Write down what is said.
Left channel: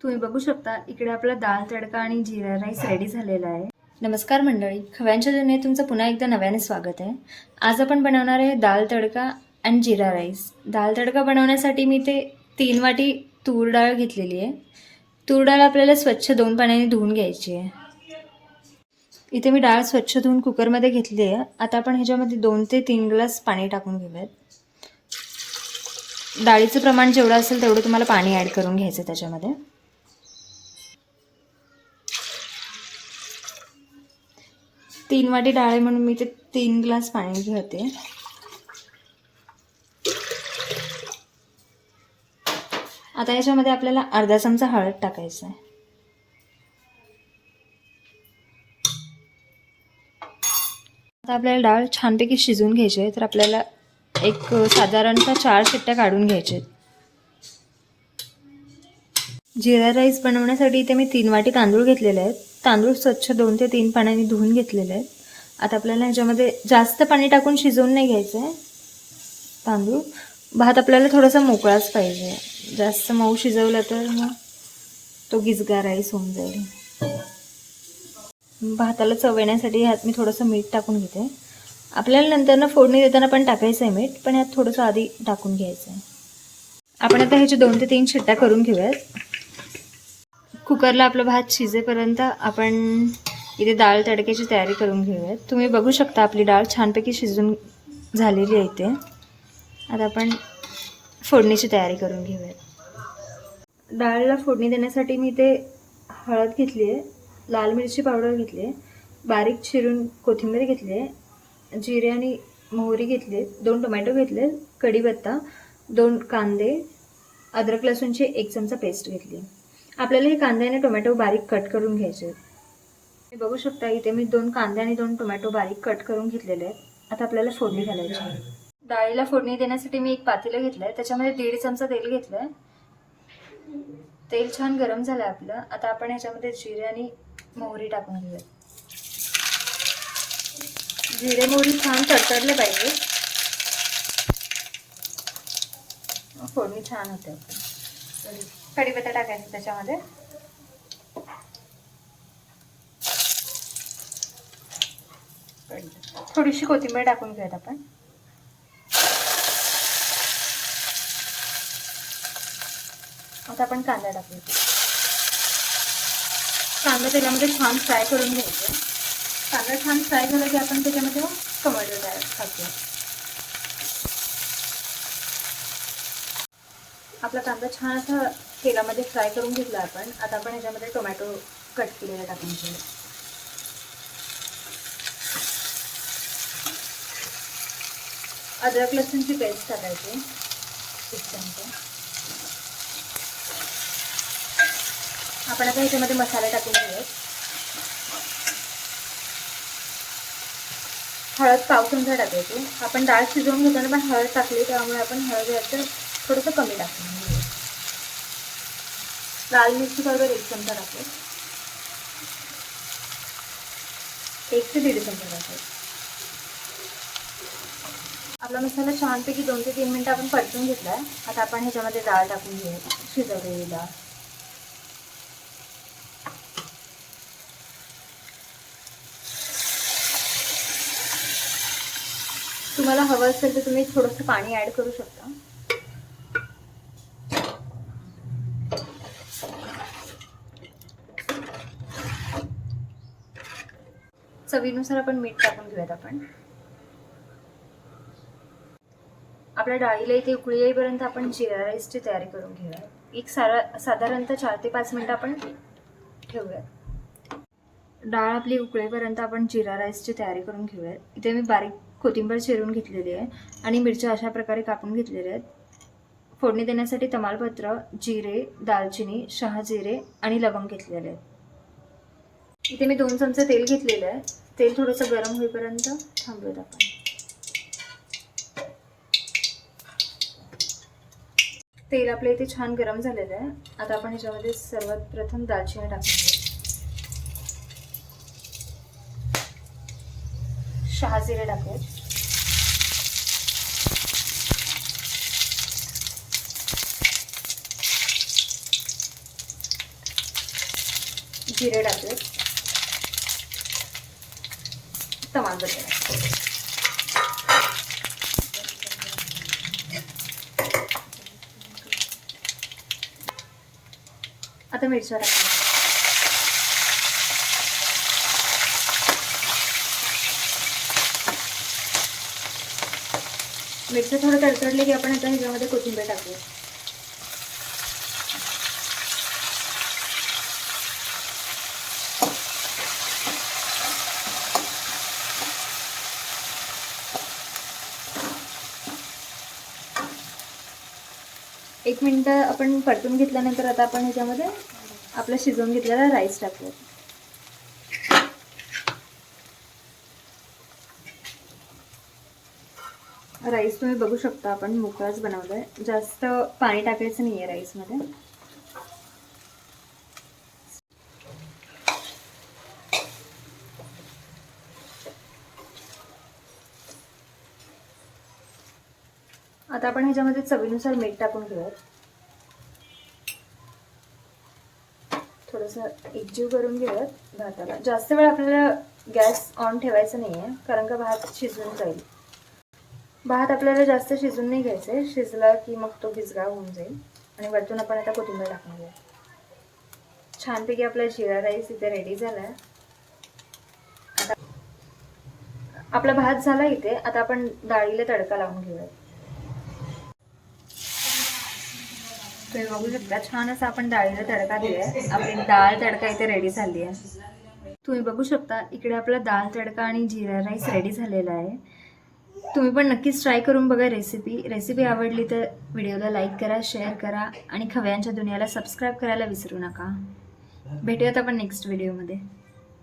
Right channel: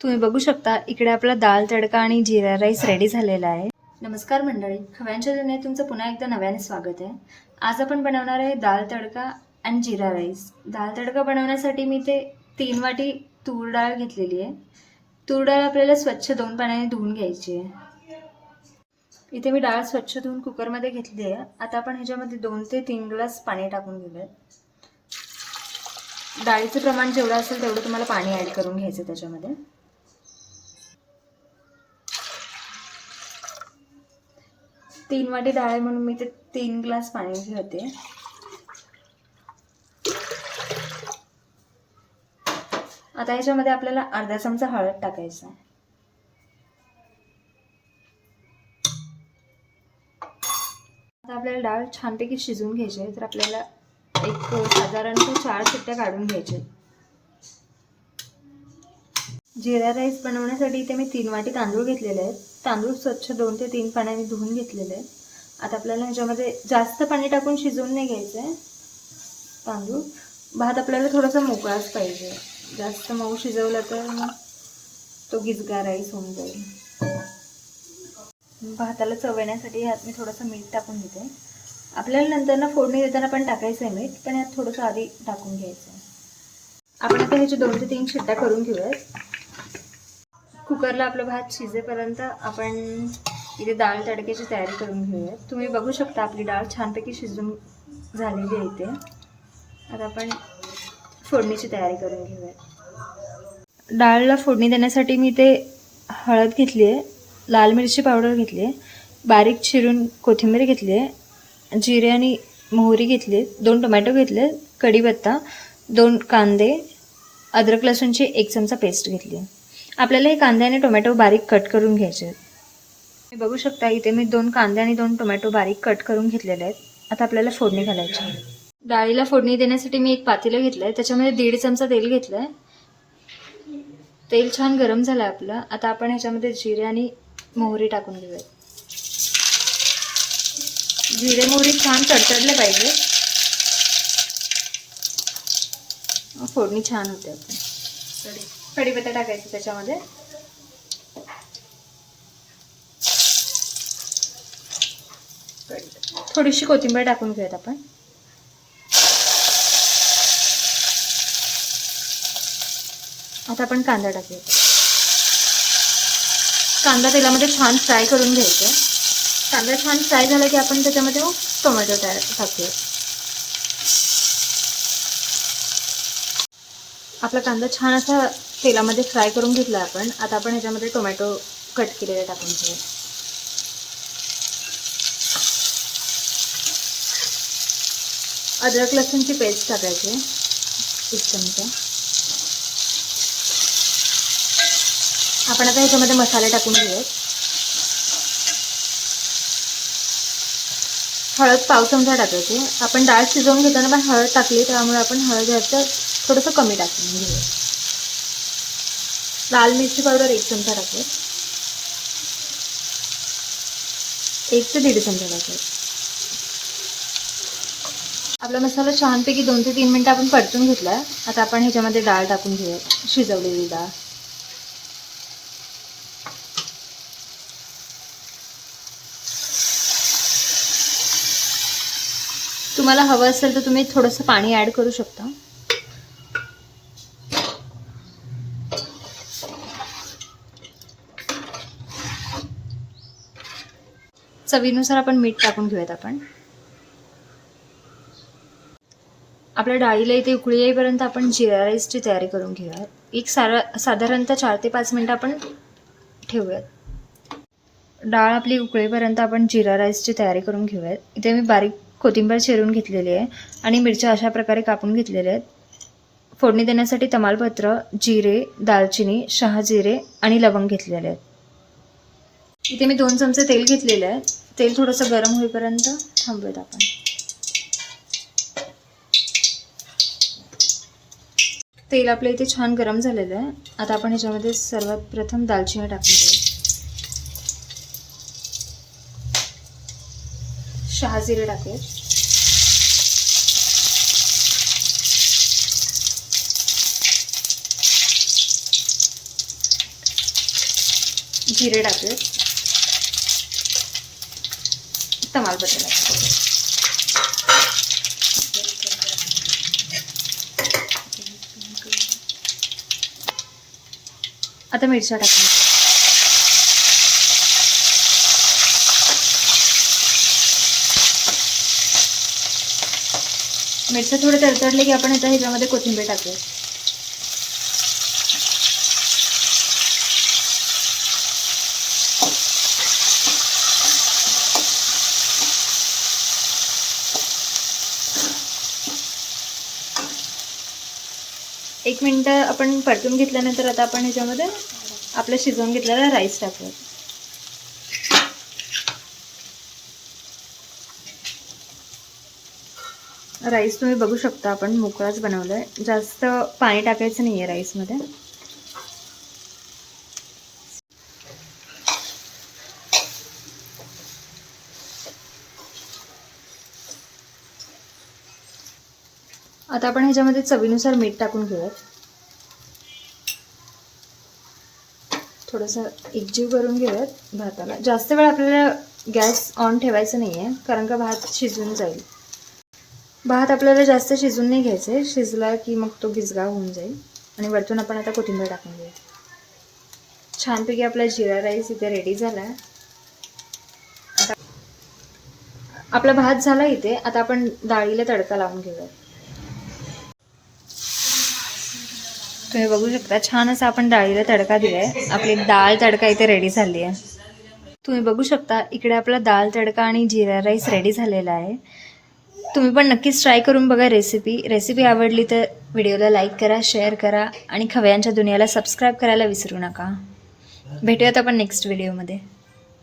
तुम्ही बघू शकता इकडे आपला दाल तडका आणि जिरा राईस रेडी झालेला आहे. नमस्कार मंडळी खव्यांच्या दुनियेत तुमचं पुन्हा एकदा नव्याने स्वागत आहे. आज आपण बनवणार आहे दाल तडका आणि जिरा राईस. दाल तडका बनवण्यासाठी मी ते तीन वाटी तूर डाळ घेतलेली आहे. तूर डाळ आपल्याला स्वच्छ दोन पाण्याने धुवून घ्यायची आहे. इथे मी डाळ स्वच्छ धुवून कुकरमध्ये घेतली आहे. आता आपण ह्याच्यामध्ये दोन ते तीन ग्लास पाणी टाकून घेऊयात. डाळीचं प्रमाण जेवढं असेल तेवढं तुम्हाला पाणी ॲड करून घ्यायचं त्याच्यामध्ये. तीन वाटी डाळ आहे म्हणून मी ते तीन ग्लास पाणी घेते. आता याच्यामध्ये आपल्याला अर्धा चमचा हळद टाकायचा आहे. आता आपल्याला डाळ छानपैकी शिजवून घ्यायची आहे तर आपल्याला एक साधारणतः चार शिट्ट्या काढून घ्यायच्या आहेत. जिरा राईस बनवण्यासाठी इथे मी तीन वाटी तांदूळ घेतलेले आहेत. तांदूळ स्वच्छ दोन ते तीन पाण्याने धुवून घेतलेले आहेत. आता आपल्याला ह्याच्यामध्ये जास्त पाणी टाकून शिजवून नाही घ्यायचं आहे तांदूळ. भात आपल्याला थोडासा मोकळाच पाहिजे. जास्त मऊ शिजवला तर मग तो गिजगा राईस होऊन जाईल. भाताला चव येण्यासाठी ह्यात मी थोडंसं मीठ टाकून घेते. आपल्याला नंतर ना फोडणी देताना पण टाकायचं आहे मीठ पण यात थोडंसं आधी टाकून घ्यायचं आहे आपण आता ह्याचे दोन ते तीन शिट्ट्या करून घेऊयात. कुकरला आपला भात शिजेपर्यंत आपण इथे डाळ तडक्याची तयारी करून घेऊयात. तुम्ही बघू शकता आपली डाळ छानपैकी शिजून झालेली आहे इथे. आता आपण फोडणीची तयारी करून घेऊयात. डाळला फोडणी देण्यासाठी मी इथे हळद घेतली आहे लाल मिरची पावडर घेतली आहे बारीक चिरून कोथिंबीर घेतली आहे जिरे आणि मोहरी घेतली दोन टोमॅटो घेतले कढीपत्ता दोन कांदे अद्रक लसूणची एक चमचा पेस्ट घेतली आहे. आपल्याला हे कांदे आणि टोमॅटो बारीक कट करून घ्यायचे आहेत. तुम्ही बघू शकता इथे मी दोन कांदे आणि दोन टोमॅटो बारीक कट करून घेतलेले आहेत. आता आपल्याला फोडणी घालायची आहे. डाळीला फोडणी देण्यासाठी मी एक पातेलं घेतलं आहे त्याच्यामध्ये दीड चमचा तेल घेतलं आहे तेल छान गरम झालं आहे आपलं. आता आपण ह्याच्यामध्ये जिरे आणि मोहरी टाकून घेऊयात. जिरे मोहरी छान तडतडले पाहिजे. फोडणी छान होते. आपली कढीपत्ता टाकायचा त्याच्यामध्ये थोडीशी कोथिंबीर टाकून घेऊयात आपण. आता आपण कांदा टाकूयात. कांदा तेलामध्ये छान फ्राय करून घ्यायचा. कांदा छान फ्राय झाला की आपण त्याच्यामध्ये मग टोमॅटो तयार टाकूया आपला कांदा छान असा तेलामध्ये फ्राय करून घेतला आपण. आता आपण ह्याच्यामध्ये टोमॅटो कट केलेले टाकून घेऊया अद्रक लसूणची पेस्ट टाकायची. एक चमचा. आपण आता ह्याच्यामध्ये मसाले टाकून घेऊयात. हळद पाव चमचा टाकायची. आपण डाळ शिजवून घेताना पण हळद टाकली त्यामुळे आपण हळद ह्याचं थोडंसं कमी टाकून म्हणजे लाल मिरची पावडर एक चमचा टाकू एक ते दीड चमचा टाकू आपला मसाला छानपैकी दोन ते तीन मिनटं आपण परतून घेतला. आता आपण ह्याच्यामध्ये डाळ टाकून घेऊया. शिजवलेली डाळ. तुम्हाला हवं असेल तर तुम्ही थोडंसं पाणी ॲड करू शकता. चवीनुसार आपण मीठ टाकून घेऊयात आपण. आपल्या डाळीला इथे उकळी येईपर्यंत आपण जिरा राईसची तयारी करून घेऊयात. एक सारा साधारणतः चार ते पाच मिनटं आपण ठेवूयात. डाळ आपली उकळीपर्यंत आपण जिरा राईसची तयारी करून घेऊयात. इथे मी बारीक कोथिंबीर चिरून घेतलेली आहे आणि मिरच्या अशा प्रकारे कापून घेतलेल्या आहेत. फोडणी देण्यासाठी तमालपत्र जिरे दालचिनी शहाजिरे आणि लवंग घेतलेले आहेत. इथे मी दोन चमचे तेल घेतलेले आहे. तेल थोडंसं गरम होईपर्यंत थांबूयात आपण. तेल आपल्या इथे छान गरम झालेलं आहे. आता आपण ह्याच्यामध्ये सर्वात प्रथम दालचिनी टाकून शहाजिरे टाकूयात जिरे टाकूयात तमालपत्र आता मिरच्या टाकून मिरच्या थोडं तडतडले की आपण आता ह्याच्यामध्ये कोथिंबीर टाकूया एक मिनटं आपण परतून घेतल्यानंतर आता आपण ह्याच्यामध्ये आपलं शिजवून घेतलेला राईस टाकूया. राईस तुम्ही बघू शकता आपण मोकळाच बनवलं आहे जास्त पाणी टाकायचं नाही आहे राईसमध्ये. आता आपण ह्याच्यामध्ये चवीनुसार मीठ टाकून घेऊयात थोडंसं एकजीव करून घेऊयात भाताला. जास्त वेळ आपल्याला गॅस ऑन ठेवायचं नाही आहे कारण का भात शिजून जाईल. भात आपल्याला जास्त शिजून नाही घ्यायचं आहे शिजला की मग तो गिजगा होऊन जाईल. आणि वरतून आपण आता कोथिंबीर टाकून आहे छानपैकी आपला जिरा राईस इथे रेडी झाला. आहे आपला भात झाला इथे. आता आपण डाळीला तडका लावून घेऊया तुम्ही बघू शकता छान असा आपण डाळीला तडका दिलाय. आपली डाळ तडका इथे रेडी झाली आहे. तुम्ही बघू शकता इकडे आपला डाळ तडका आणि जिरा राईस रेडी झालेला आहे. तुम्ही पण नक्कीच ट्राय करून बघा रेसिपी रेसिपी आवडली तर व्हिडिओला लाईक करा शेअर करा आणि खवयांच्या दुनियाला सबस्क्राईब करायला विसरू नका. भेटूयात आपण नेक्स्ट व्हिडिओमध्ये